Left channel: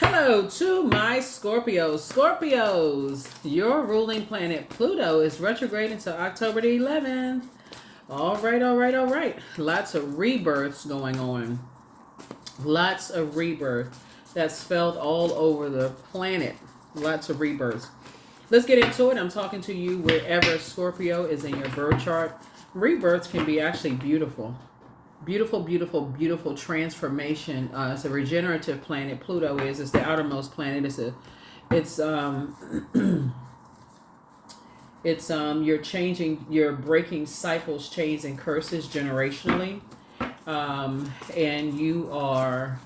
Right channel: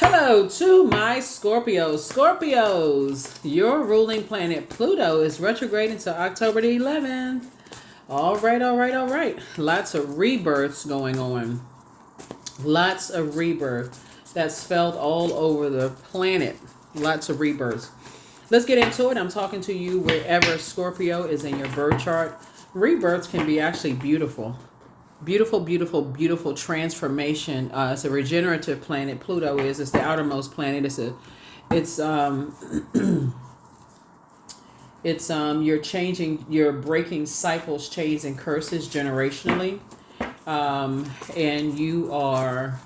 Hello to my Scorpios. Scorpios, your ruling planet Pluto is retrograde until October the 11th. All right, all right, all right. Lots of rebirths going on. Lots of rebirth that's felt all over the planet. Lots of rebirths. Let's get into it. I'm talking to you wherever Scorpio is in your birth chart. Rebirths can be actually beautiful. Beautiful, beautiful, beautiful transformation. It's a regenerative planet. Pluto is. It's the outermost planet. It's you're changing, you're breaking cycles, chains, and curses generationally, and you are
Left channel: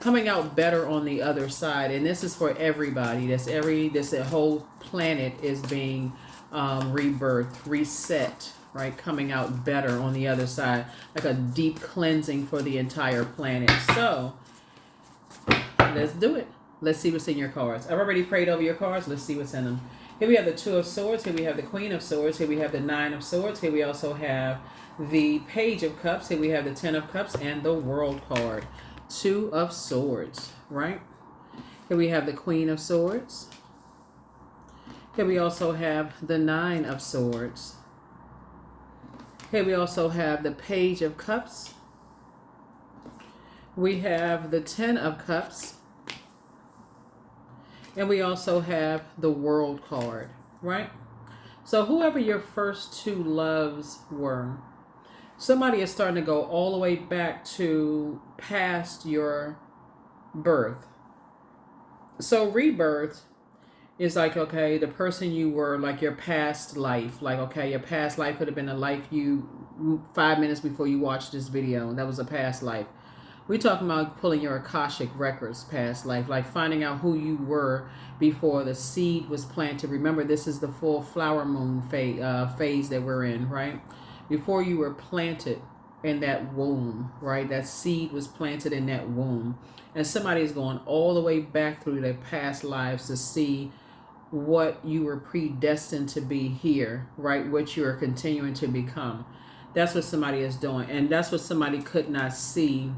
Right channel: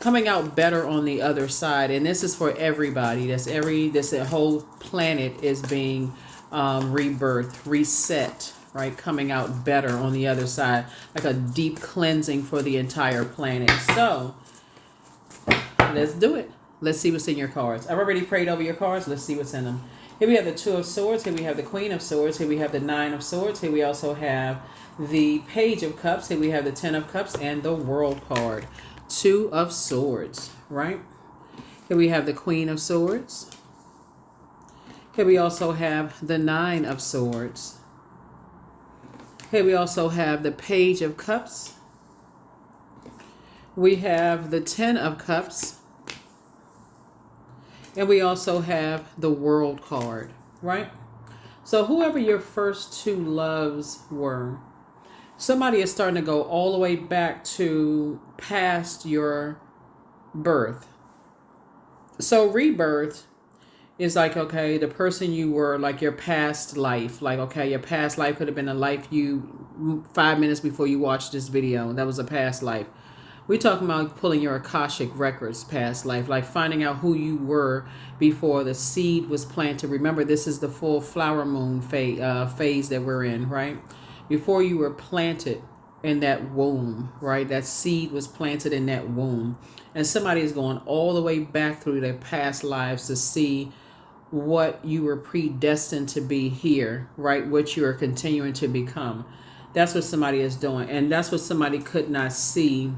coming out better on the other side. And this is for everybody. The whole planet is being rebirthed, reset, right? Coming out better on the other side, like a deep cleansing for the entire planet. So let's do it. Let's see what's in your cards. I've already prayed over your cards. Let's see what's in them. Here we have the Two of Swords. Here we have the Queen of Swords. Here we have the Nine of Swords. Here we also have the Page of Cups. Here we have the Ten of Cups and the World card. Two of Swords, right? Here we have the Queen of Swords. Here we also have the Nine of Swords. Here we also have the Page of Cups. We have the Ten of Cups. And we also have the World card, right? So whoever your first two loves were, somebody is starting to go all the way back to past your birth. So rebirth is like, okay, the person you were, like your past life. Like, okay, your past life could have been a life you 5 minutes before you watched this video. That was a past life. We're talking about pulling your Akashic records past life, like finding out who you were before the seed was planted. Remember, this is the full flower moon phase that we're in, right? Before you were planted in that womb, right? That seed was planted in that womb. And somebody is going all the way back through their past lives to see what you were predestined to be here, right? What you are continuing to become. That's what somebody is doing. And that's what somebody could not see.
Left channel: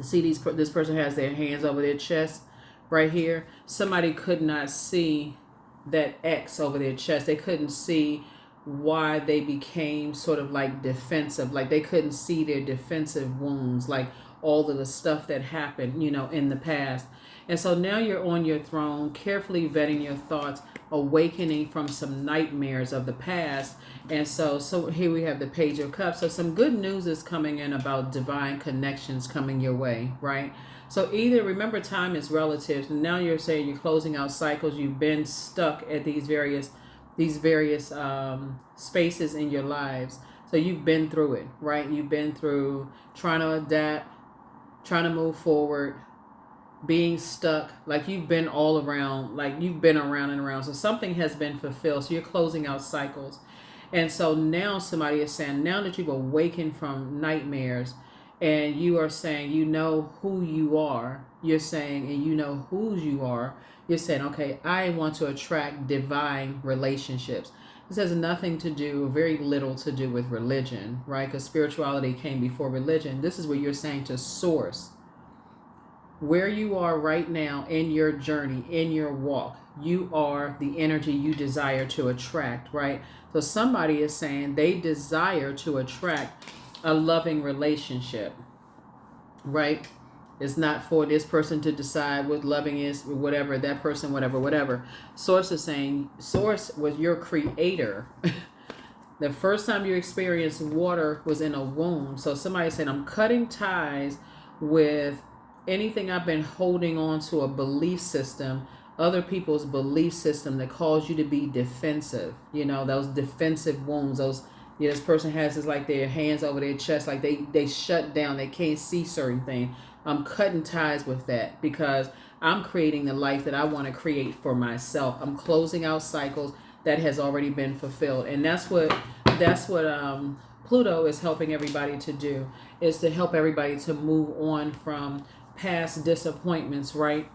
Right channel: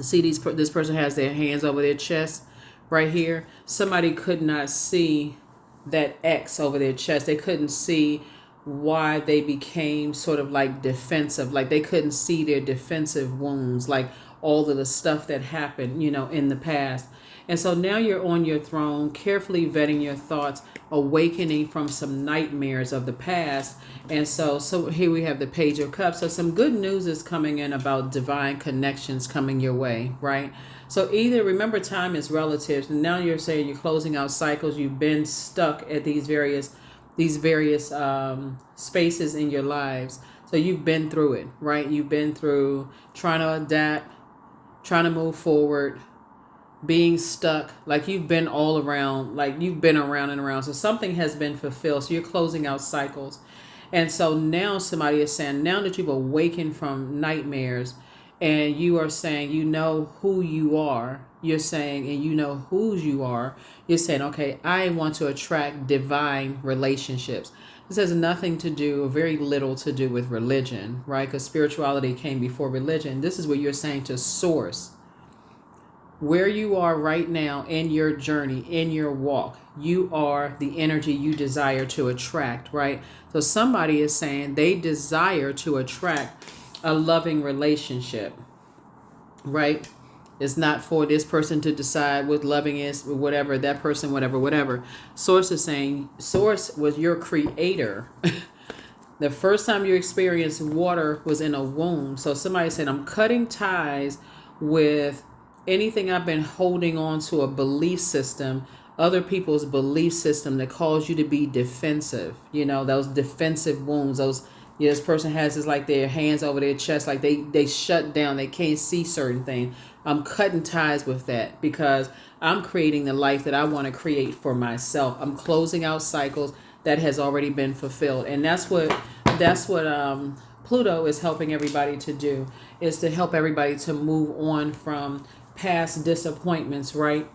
See, this person has their hands over their chest right here. Somebody could not see that X over their chest. They couldn't see why they became sort of like defensive. Like they couldn't see their defensive wounds, like all of the stuff that happened, in the past. And so now you're on your throne, carefully vetting your thoughts, awakening from some nightmares of the past. And so here we have the Page of Cups. So some good news is coming in about divine connections coming your way, right? So either, remember, time is relative. Now you're saying you're closing out cycles. You've been stuck at these various spaces in your lives. So you've been through it, right? You've been through trying to adapt, trying to move forward, being stuck. Like you've been all around, like you've been around and around. So something has been fulfilled. So you're closing out cycles. And so now somebody is saying, now that you've awakened from nightmares and you are saying, you know who you are, you're saying, and you know whose you are, you're saying, okay, I want to attract divine relationships. This has nothing to do, very little to do with religion, right? Because spirituality came before religion. This is what you're saying to source. Where you are right now in your journey, in your walk, you are the energy you desire to attract, right? So somebody is saying they desire to attract a loving relationship, right? It's not for this person to decide what loving is, whatever, that person, whatever. Source is saying, Source was your creator. The first time you experienced water was in a womb. So somebody said, I'm cutting ties with anything I've been holding on to, a belief system, other people's belief system that cause you to be defensive. Those defensive wounds, this person has this, like their hands over their chest, like they shut down, they can't see certain things. I'm cutting ties with that because I'm creating the life that I want to create for myself. I'm closing out cycles that has already been fulfilled. And that's what Pluto is helping everybody to do, is to help everybody to move on from past disappointments, right?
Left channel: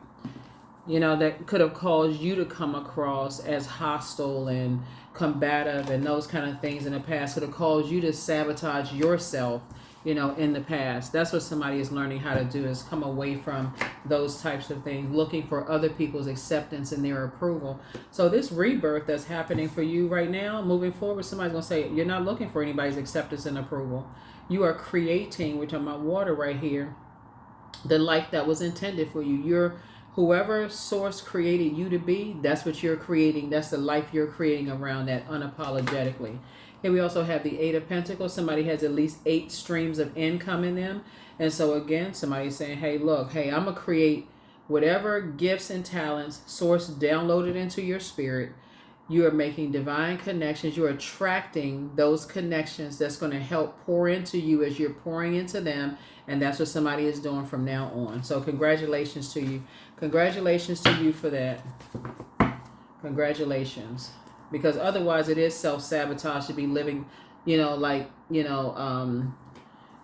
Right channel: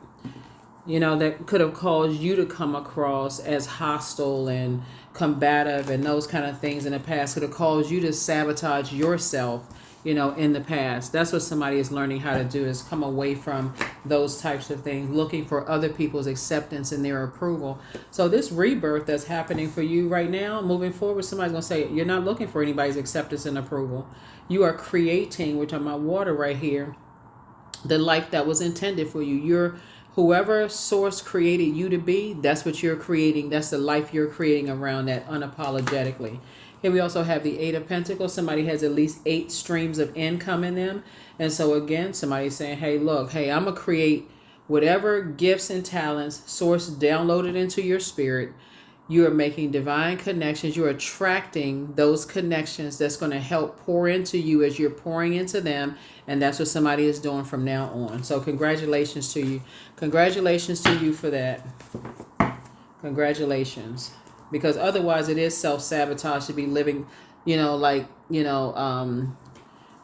That could have caused you to come across as hostile and combative and those kind of things in the past, could have caused you to sabotage yourself in the past. That's what somebody is learning how to do, is come away from those types of things, looking for other people's acceptance and their approval. So this rebirth that's happening for you right now, moving forward, somebody's going to say, you're not looking for anybody's acceptance and approval. You are creating, which on my water right here, the life that was intended for you. You're whoever source created you to be, that's what you're creating. That's the life you're creating around that unapologetically. Here we also have the Eight of Pentacles. Somebody has at least 8 streams of income in them. And so again, somebody's saying, hey, look, hey, I'm going to create whatever gifts and talents source downloaded into your spirit. You are making divine connections. You're attracting those connections that's going to help pour into you as you're pouring into them. And that's what somebody is doing from now on. So congratulations to you. Congratulations to you for that. Congratulations. Because otherwise it is self-sabotage to be living,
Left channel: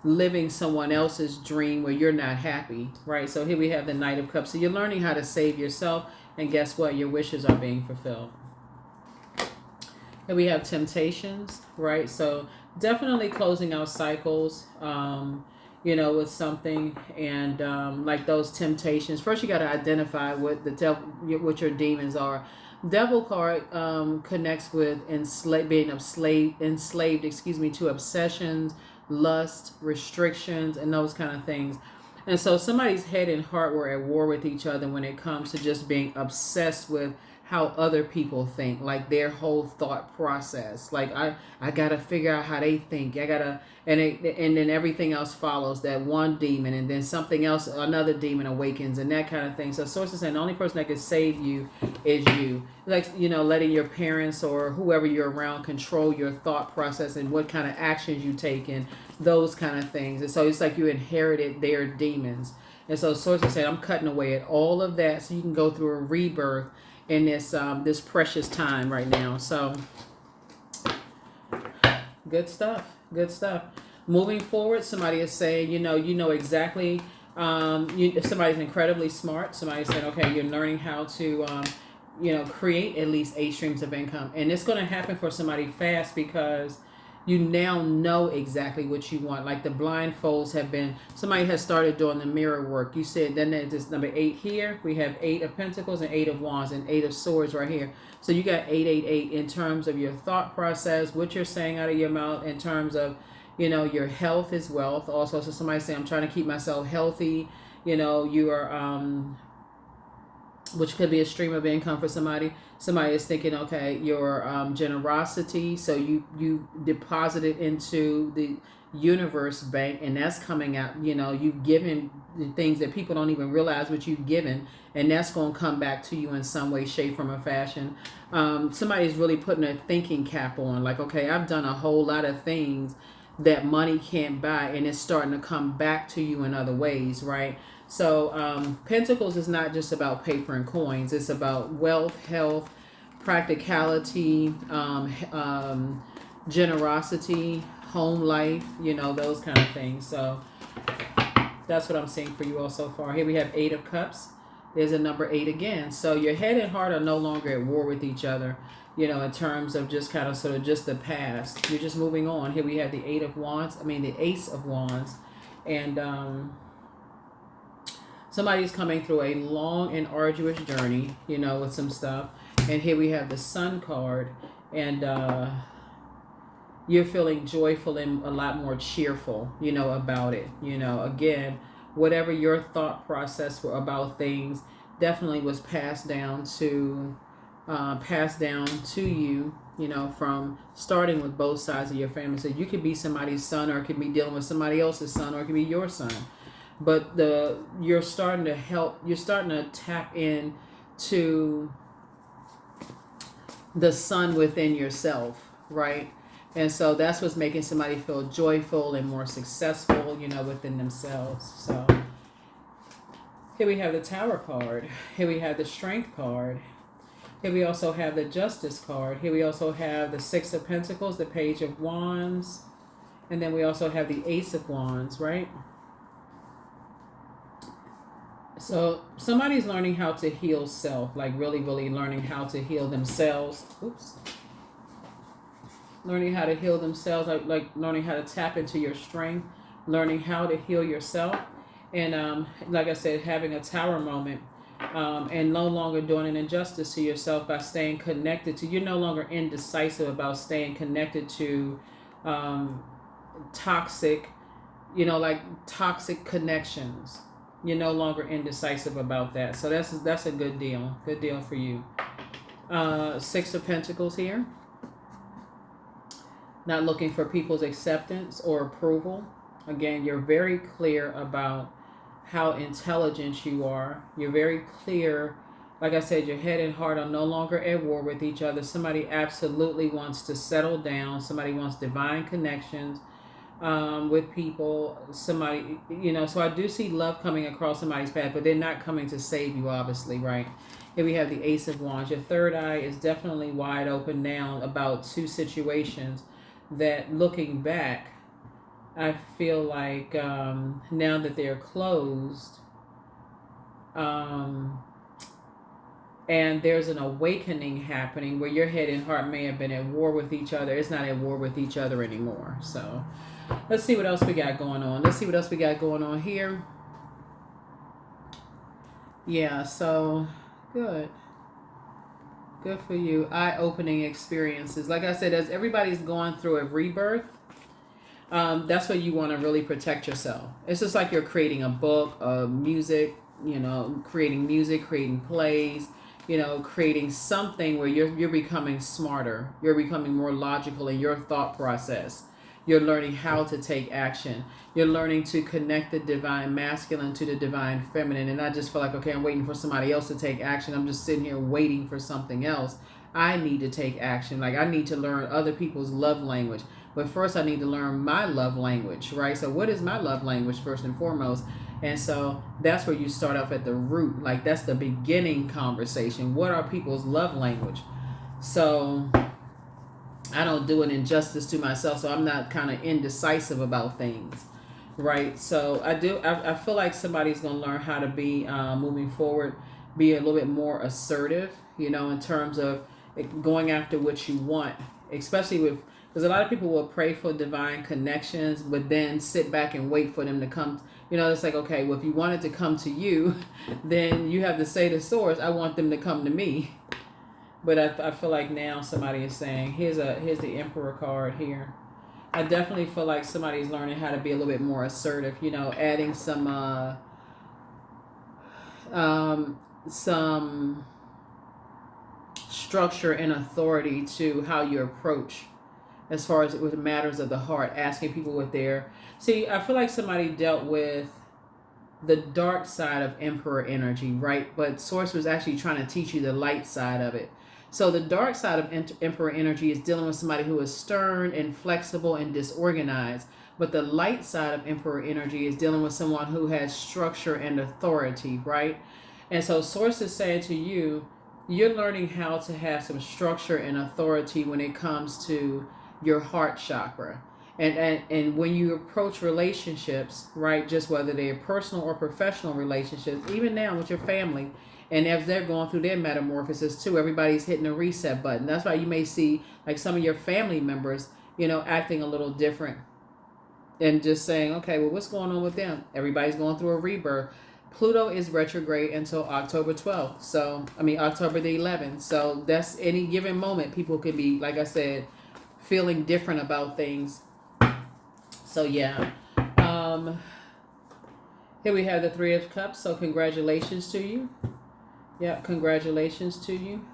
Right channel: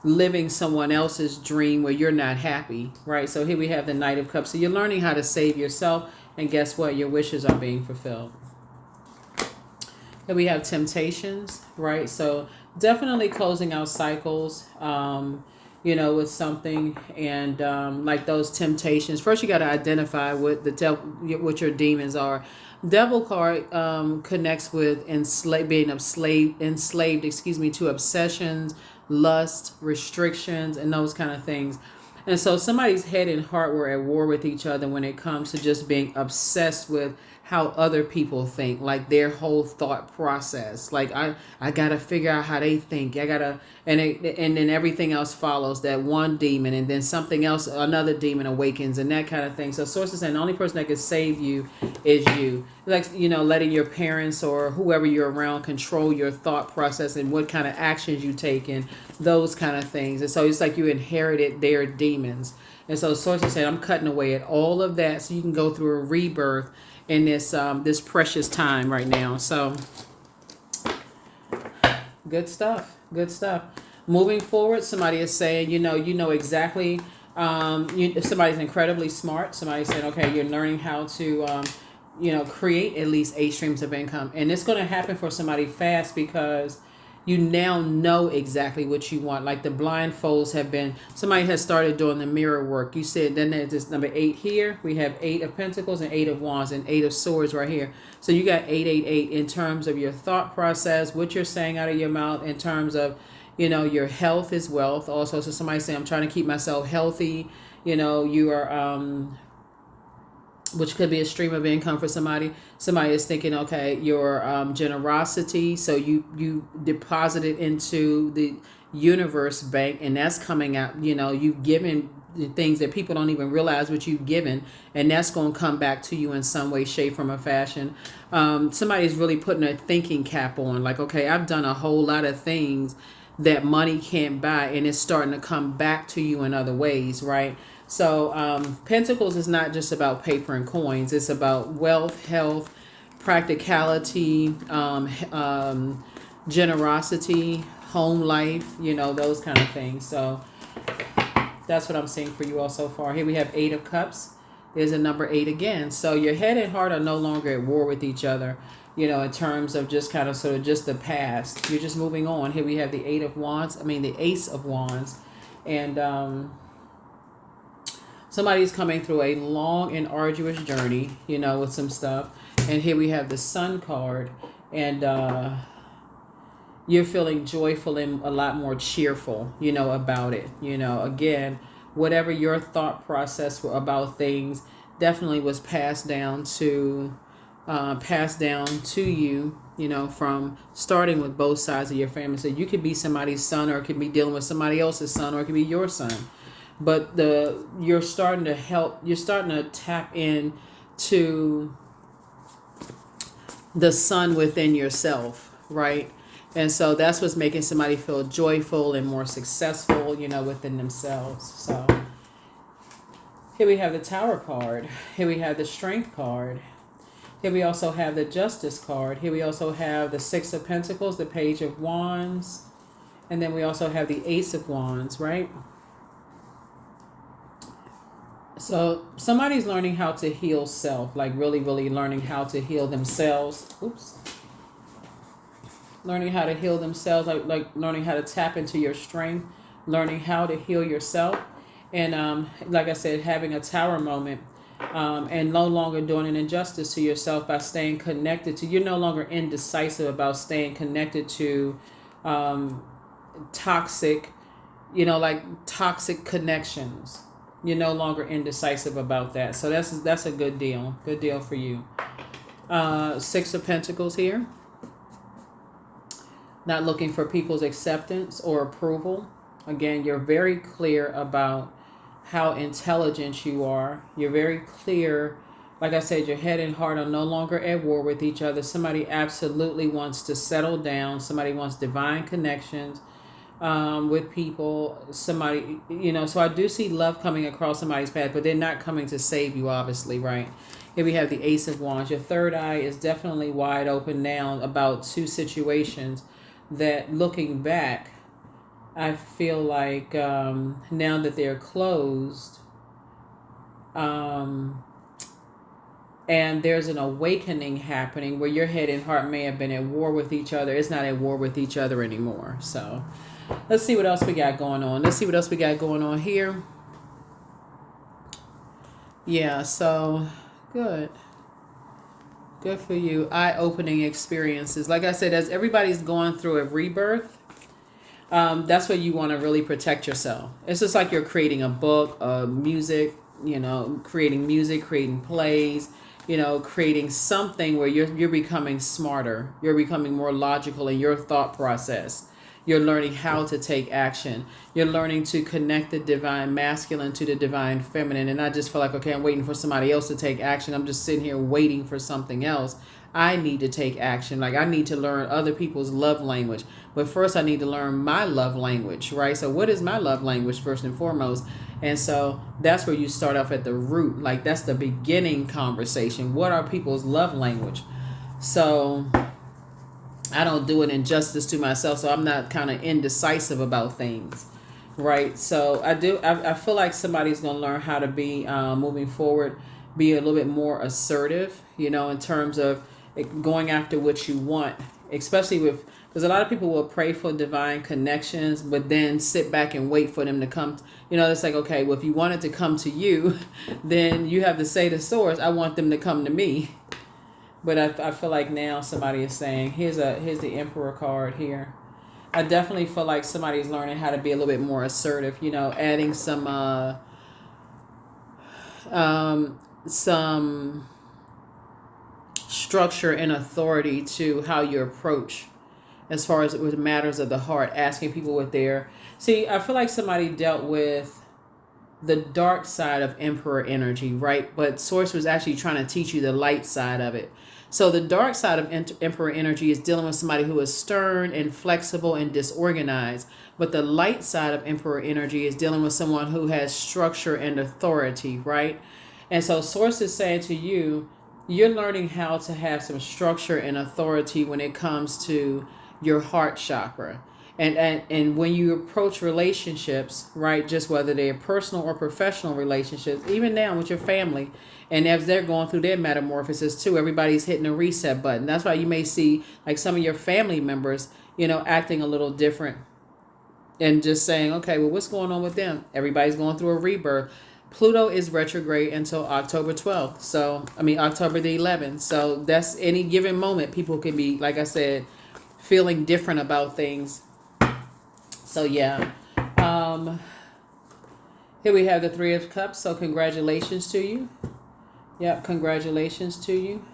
living someone else's dream where you're not happy, right? So here we have the Knight of Cups. So you're learning how to save yourself. And guess what? Your wishes are being fulfilled. Here we have temptations, right? So definitely closing out cycles, with something, and like those temptations. First, you got to identify what what your demons are. Devil card connects with being enslaved, to obsessions, lust, restrictions, and those kind of things. And so somebody's head and heart were at war with each other when it comes to just being obsessed with how other people think, like their whole thought process. Like I gotta figure out how they think. And then everything else follows that one demon, and then something else, another demon awakens, and that kind of thing. So sources saying the only person that can save you is you. Like, letting your parents or whoever you're around control your thought process and what kind of actions you take and those kind of things. And so it's like you inherited their demons. And so sources said, I'm cutting away at all of that so you can go through a rebirth in this precious time right now. So good stuff. Moving forward, somebody is saying, exactly. Somebody's incredibly smart. Somebody said, okay, you're learning how to, create at least 8 streams of income, and it's going to happen for somebody fast because you now know exactly what you want. Like the blindfolds have been, somebody has started doing the mirror work. You said, then there's this number 8 here. We have 8 of Pentacles and 8 of Wands and 8 of Swords right here. So you got 888 in terms of your thought process, what you're saying out of your mouth, in terms of, your health is wealth. Also, so somebody saying, I'm trying to keep myself healthy. You are, which could be a stream of income for somebody. Somebody is thinking, okay, your generosity. So you deposit it into the universe bank, and that's coming out. You've given things that people don't even realize what you've given, and that's going to come back to you in some way, shape, form, or fashion. Somebody's really putting a thinking cap on, like, okay, I've done a whole lot of things that money can't buy, and it's starting to come back to you in other ways, right? So Pentacles is not just about paper and coins. It's about wealth, health, practicality, generosity, home life, those kind of things. So that's what I'm seeing for you all so far. Here we have 8 of Cups. There's a number 8 again. So your head and heart are no longer at war with each other, in terms of just kind of sort of just the past. You're just moving on. Here we have the Ace of Wands. And somebody's coming through a long and arduous journey, with some stuff. And here we have the Sun card. And you're feeling joyful and a lot more cheerful, about it. Again, whatever your thought process were about things definitely was passed down to you, from starting with both sides of your family. So you could be somebody's son, or it could be dealing with somebody else's son, or it could be your son. But you're starting to tap in to the sun within yourself, right? And so that's what's making somebody feel joyful and more successful, within themselves. So here we have the Tower card. Here we have the Strength card. Here we also have the Justice card. Here we also have the 6 of Pentacles, the Page of Wands, and then we also have the Ace of Wands, right? So somebody's learning how to heal self, like really, really learning how to heal themselves. Learning how to heal themselves, like learning how to tap into your strength, learning how to heal yourself, and like I said, having a tower moment, and no longer doing an injustice to yourself by staying connected to. You're no longer indecisive about staying connected to um, toxic, like toxic connections. You're no longer indecisive about that. So that's a good deal. Good deal for you. Six of Pentacles here. Not looking for people's acceptance or approval. Again, you're very clear about how intelligent you are. You're very clear. Like I said, your head and heart are no longer at war with each other. Somebody absolutely wants to settle down. Somebody wants divine connections with people. Somebody, so I do see love coming across somebody's path, but they're not coming to save you, obviously, right? Here we have the Ace of Wands. Your third eye is definitely wide open now about two situations that, looking back, I feel like now that they're closed, and there's an awakening happening where your head and heart may have been at war with each other. It's not at war with each other anymore. So let's see what else we got going on. Let's see what else we got going on here. Yeah, so good. Good for you. Eye-opening experiences. Like I said, as everybody's going through a rebirth, that's where you want to really protect yourself. It's just like you're creating a book, music, creating music, creating plays, creating something where you're becoming smarter. You're becoming more logical in your thought process. You're learning how to take action. You're learning to connect the divine masculine to the divine feminine, and not just feel like, okay, I'm waiting for somebody else to take action. I'm just sitting here waiting for something else. I need to take action. Like, I need to learn other people's love language. But first, I need to learn my love language, right? So what is my love language, first and foremost? And so that's where you start off at the root. Like, that's the beginning conversation. What are people's love language? So I don't do an injustice to myself, so I'm not kind of indecisive about things, right? So I feel like somebody's going to learn how to be, moving forward, be a little bit more assertive, in terms of going after what you want, especially because a lot of people will pray for divine connections, but then sit back and wait for them to come. It's like, okay, well, if you want it to come to you, then you have to say to source, I want them to come to me. But I feel like now somebody is saying, here's the Emperor card here. I definitely feel like somebody's learning how to be a little bit more assertive, adding some structure and authority to how you approach as far as with matters of the heart, asking people what they're... See, I feel like somebody dealt with the dark side of Emperor energy, right? But Source was actually trying to teach you the light side of it. So the dark side of Emperor energy is dealing with somebody who is stern and flexible and disorganized. But the light side of Emperor energy is dealing with someone who has structure and authority, right? And so Source is saying to you, you're learning how to have some structure and authority when it comes to your heart chakra. And when you approach relationships, right, just whether they're personal or professional relationships, even now with your family, and as they're going through their metamorphosis too, everybody's hitting a reset button. That's why you may see like some of your family members, acting a little different and just saying, okay, well, what's going on with them? Everybody's going through a rebirth. Pluto is retrograde until October 12th. So, October the 11th. So that's any given moment. People can be, like I said, feeling different about things. So, yeah. Here we have the Three of Cups. So congratulations to you. Yeah, congratulations to you.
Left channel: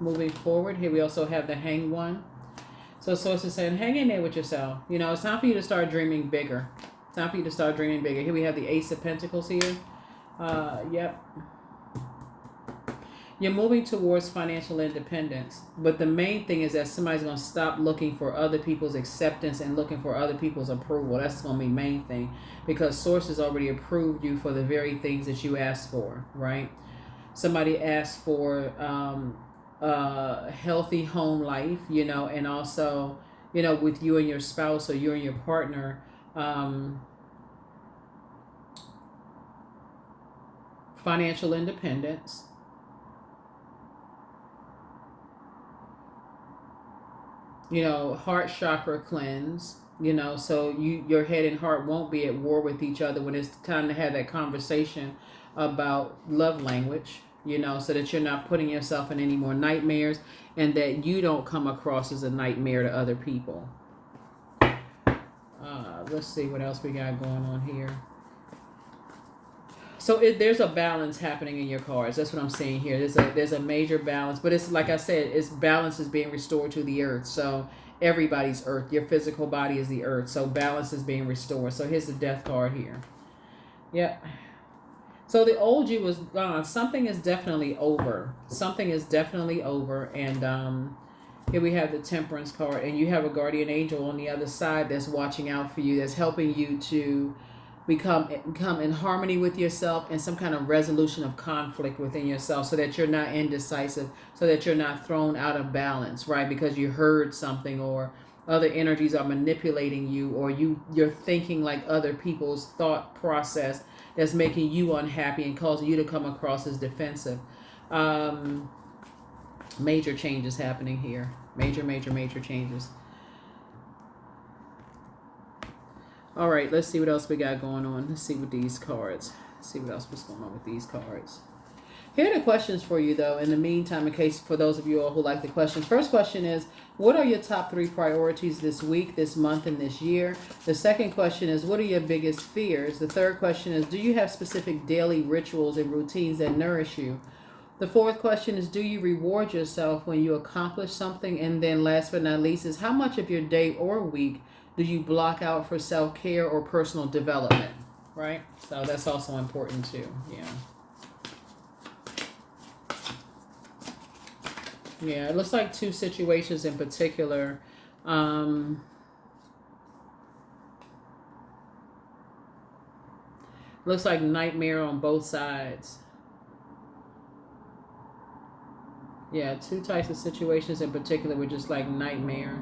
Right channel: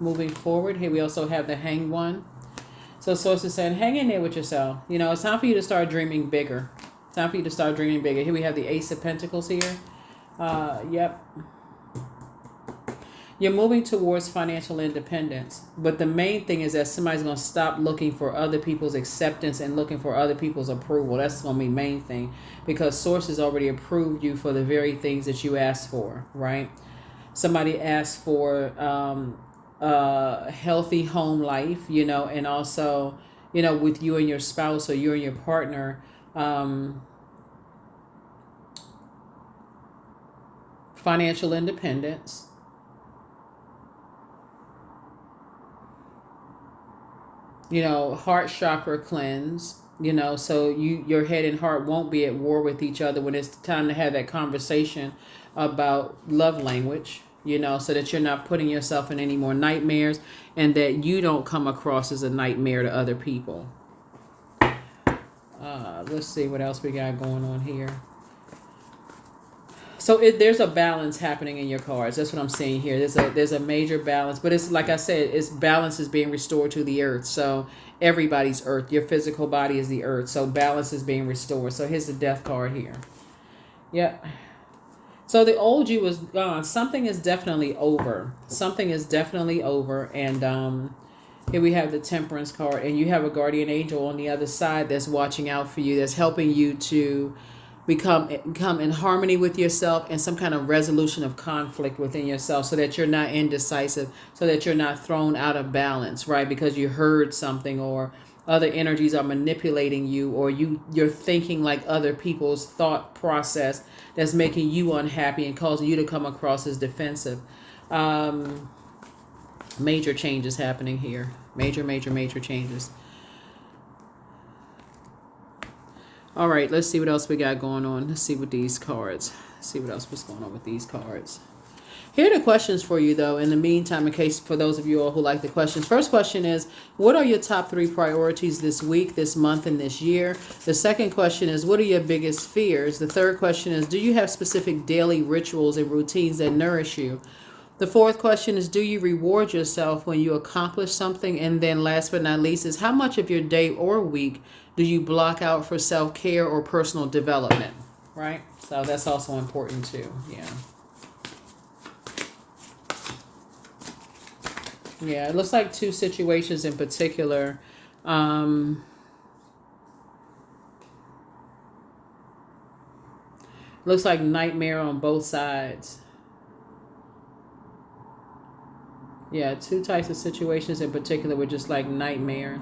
Moving forward, here we also have the Hanged One. So Source is saying, hang in there with yourself. It's time for you to start dreaming bigger. It's time for you to start dreaming bigger. Here we have the Ace of Pentacles here. Yep. You're moving towards financial independence. But the main thing is that somebody's going to stop looking for other people's acceptance and looking for other people's approval. That's going to be the main thing. Because Source has already approved you for the very things that you asked for, right? Somebody asked for a healthy home life, and also, with you and your spouse or you and your partner, financial independence. Heart chakra cleanse. you know, so your head and heart won't be at war with each other when it's time to have that conversation about love language, you know, so that you're not putting yourself in any more nightmares and that you don't come across as a nightmare to other people. Let's see what else we got going on here. So there's a balance happening in your cards. That's what I'm seeing here. There's a major balance, but it's like I said, it's balance is being restored to the earth. So everybody's earth. Your physical body is the earth. So balance is being restored. So here's the death card here. Yep. So the old you is gone. Something is definitely over. Something is definitely over. And here we have the Temperance card, and you have a guardian angel on the other side that's watching out for you, that's helping you to become in harmony with yourself and some kind of resolution of conflict within yourself, so that you're not indecisive, so that you're not thrown out of balance, right? Because you heard something, or other energies are manipulating you, or you're thinking like other people's thought process that's making you unhappy and causing you to come across as defensive. Major changes happening here. Major changes. All right, let's see what else we got going on. Let's see what these cards. Let's see what else was going on with these cards. Here are the questions for you, though, in the meantime, in case for those of you all who like the questions. First question is, what are your top 3 priorities this week, this month, and this year? The second question is, what are your biggest fears? The third question is, do you have specific daily rituals and routines that nourish you? The fourth question is, do you reward yourself when you accomplish something? And then last but not least is, how much of your day or week do you block out for self-care or personal development? Right? So that's also important too. Yeah. Yeah, it looks like 2 situations in particular. Looks like nightmare on both sides. Yeah, 2 types of situations in particular were just like nightmare.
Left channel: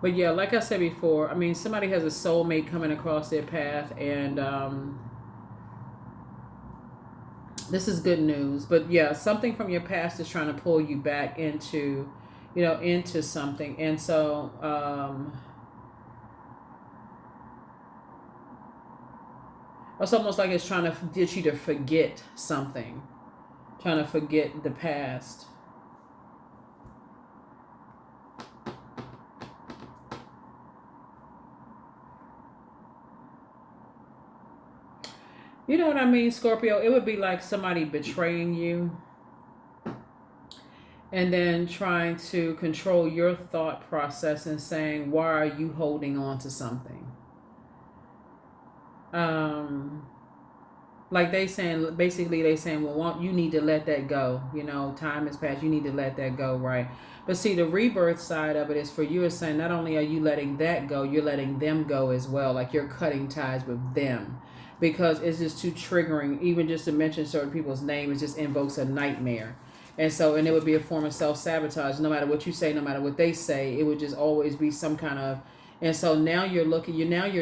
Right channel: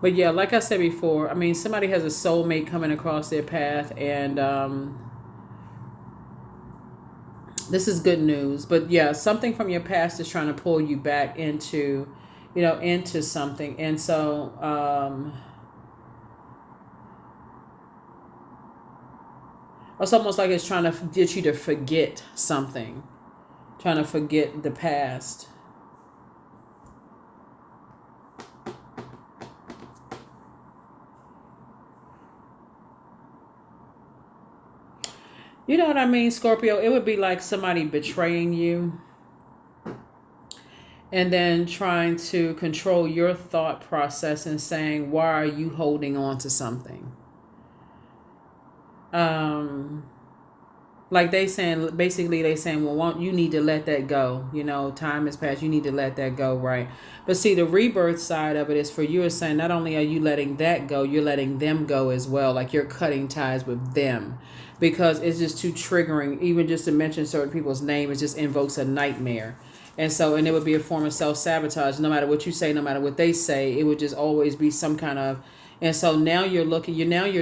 But yeah, like I said before, I mean, somebody has a soulmate coming across their path, and this is good news. But yeah, something from your past is trying to pull you back into, into something. And so it's almost like it's trying to get you to forget something, trying to forget the past. You know what I mean, Scorpio? It would be like somebody betraying you and then trying to control your thought process and saying, why are you holding on to something? Like they saying, well, you need to let that go. Time has passed. You need to let that go, right? But see, the rebirth side of it is for you is saying, not only are you letting that go, you're letting them go as well. Like you're cutting ties with them, because it's just too triggering. Even just to mention certain people's name, it just invokes a nightmare. And it would be a form of self-sabotage. No matter what you say, no matter what they say, it would just always be some kind of. And so now you're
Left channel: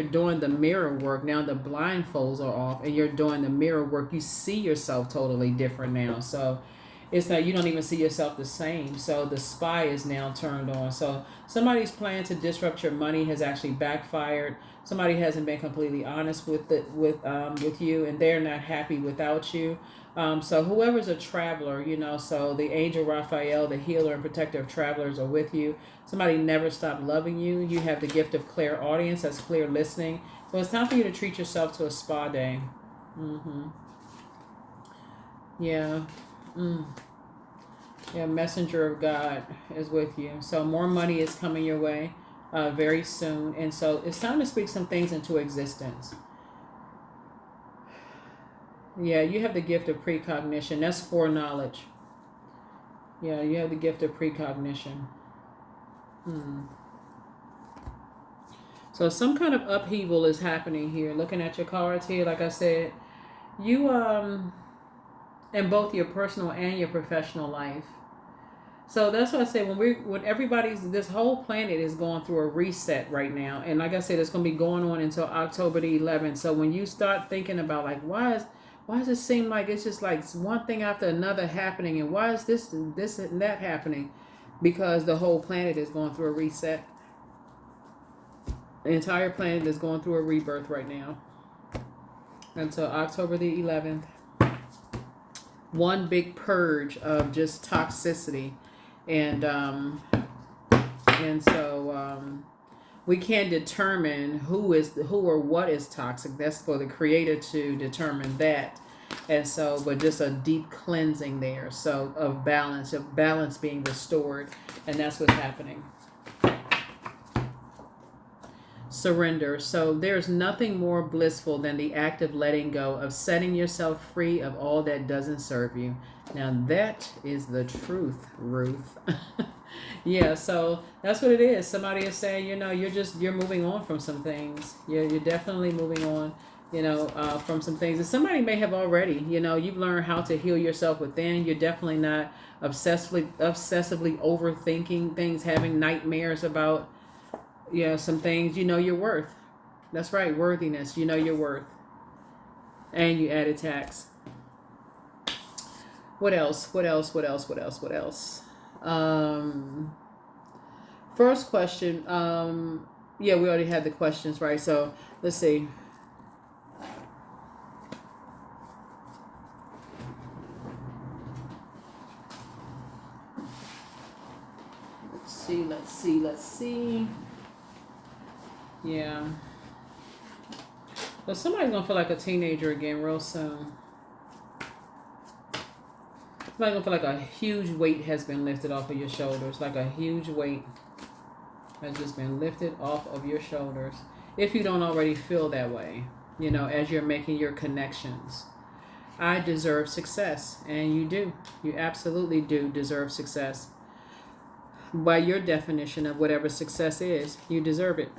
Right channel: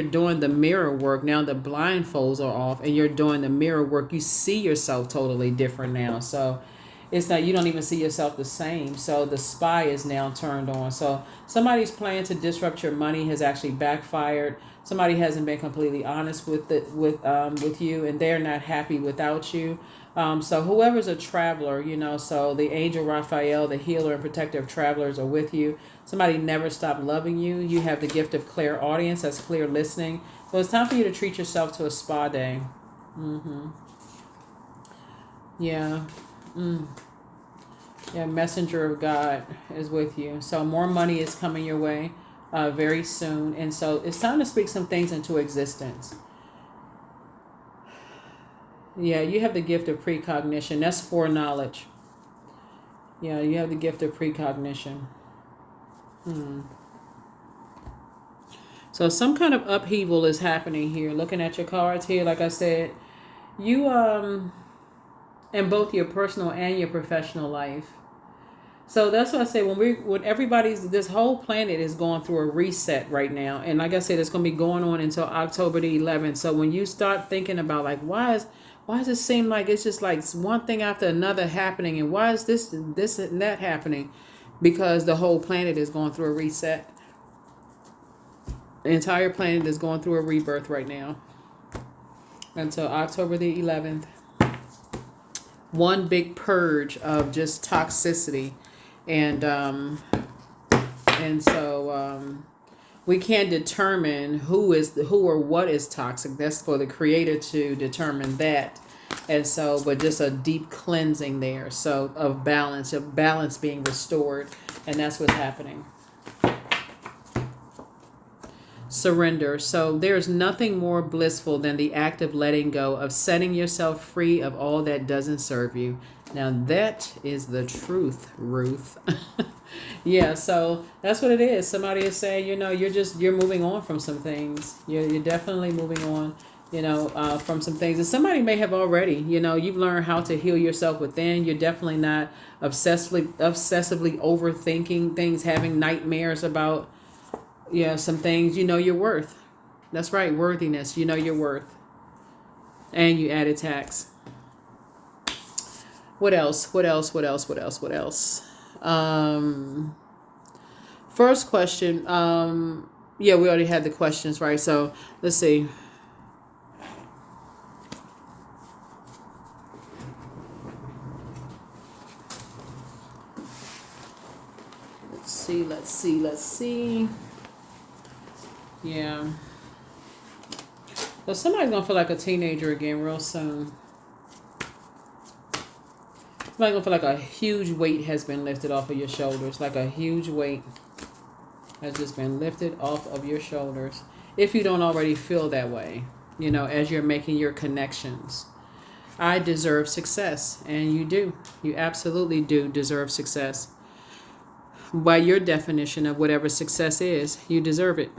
doing the mirror work. Now the blindfolds are off and you're doing the mirror work. You see yourself totally different now. So it's like you don't even see yourself the same. So the spy is now turned on. So somebody's plan to disrupt your money has actually backfired. Somebody hasn't been completely honest with you, and they're not happy without you. So whoever's a traveler, so the angel Raphael, the healer and protector of travelers, are with you. Somebody never stopped loving you. You have the gift of clairaudience, that's clear listening. So it's time for you to treat yourself to a spa day. Yeah. Yeah, messenger of God is with you. So more money is coming your way very soon. And so it's time to speak some things into existence. Yeah, you have the gift of precognition. That's foreknowledge. Yeah, you have the gift of precognition. So some kind of upheaval is happening here. Looking at your cards here, like I said, you in both your personal and your professional life. So that's why I say when this whole planet is going through a reset right now, and like I said, it's going to be going on until October the 11th. So when you start thinking about like, why is why does it seem like it's just like one thing after another happening, and why is this and that happening? Because the whole planet is going through a reset. The entire planet is going through a rebirth right now until October the 11th. One big purge of just toxicity, and so we can't determine who or what is toxic. That's for the creator to determine that. And so, but just a deep cleansing there, so of balance being restored, and that's what's happening. Surrender. So there's nothing more blissful than the act of letting go, of setting yourself free of all that doesn't serve you. Now that is the truth, Ruth. Yeah, so that's what it is. Somebody is saying, you're moving on from some things. You're definitely moving on, from some things. And somebody may have already, you've learned how to heal yourself within. You're definitely not obsessively overthinking things, having nightmares about some things. You know your worth. That's right, worthiness. You know your worth. And you added tax. What else? First question. We already had the questions, right? So let's see. Let's see. Yeah. So somebody's gonna feel like a teenager again real soon. Somebody's gonna feel like a huge weight has been lifted off of your shoulders. Like a huge weight has just been lifted off of your shoulders. If you don't already feel that way, as you're making your connections. I deserve success, and you do. You absolutely do deserve success. By your definition of whatever success is, you deserve it.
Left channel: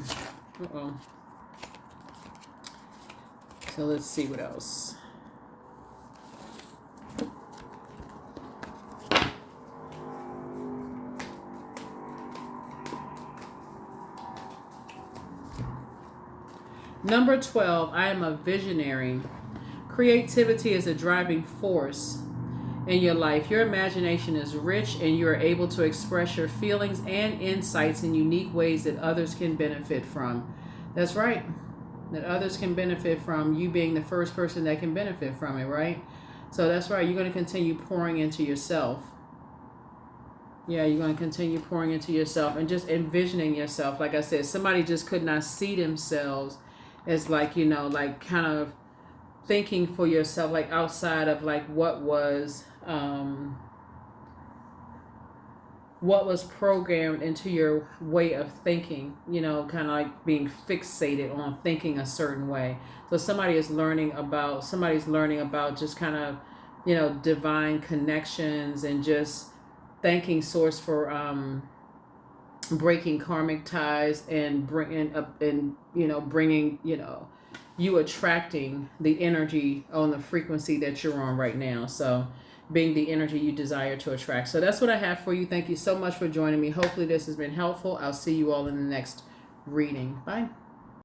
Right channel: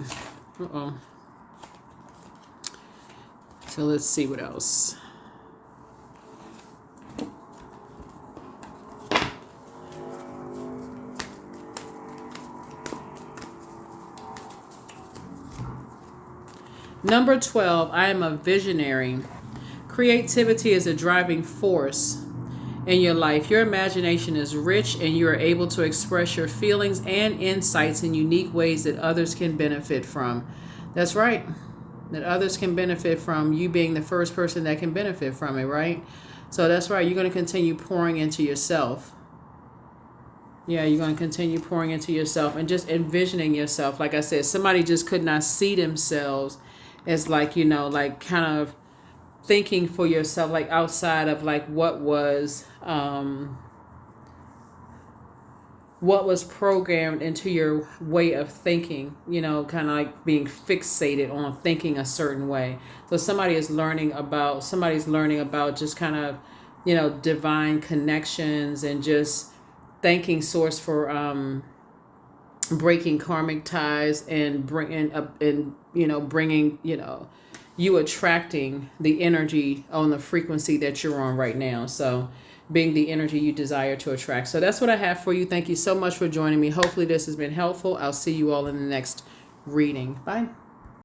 So let's see what else. Number 12, I am a visionary. Creativity is a driving force in your life. Your imagination is rich, and you are able to express your feelings and insights in unique ways that others can benefit from. That's right. That others can benefit from, you being the first person that can benefit from it, right? So that's right. You're going to continue pouring into yourself. Yeah, you're going to continue pouring into yourself and just envisioning yourself. Like I said, somebody just could not see themselves as like, like kind of thinking for yourself, like outside of like what was programmed into your way of thinking, kind of like being fixated on thinking a certain way. So somebody's learning about just kind of, divine connections, and just thanking source for breaking karmic ties, and bringing up, and bringing, you attracting the energy on the frequency that you're on right now. So being the energy you desire to attract. So that's what I have for you. Thank you so much for joining me. Hopefully this has been helpful. I'll see you all in the next reading. Bye.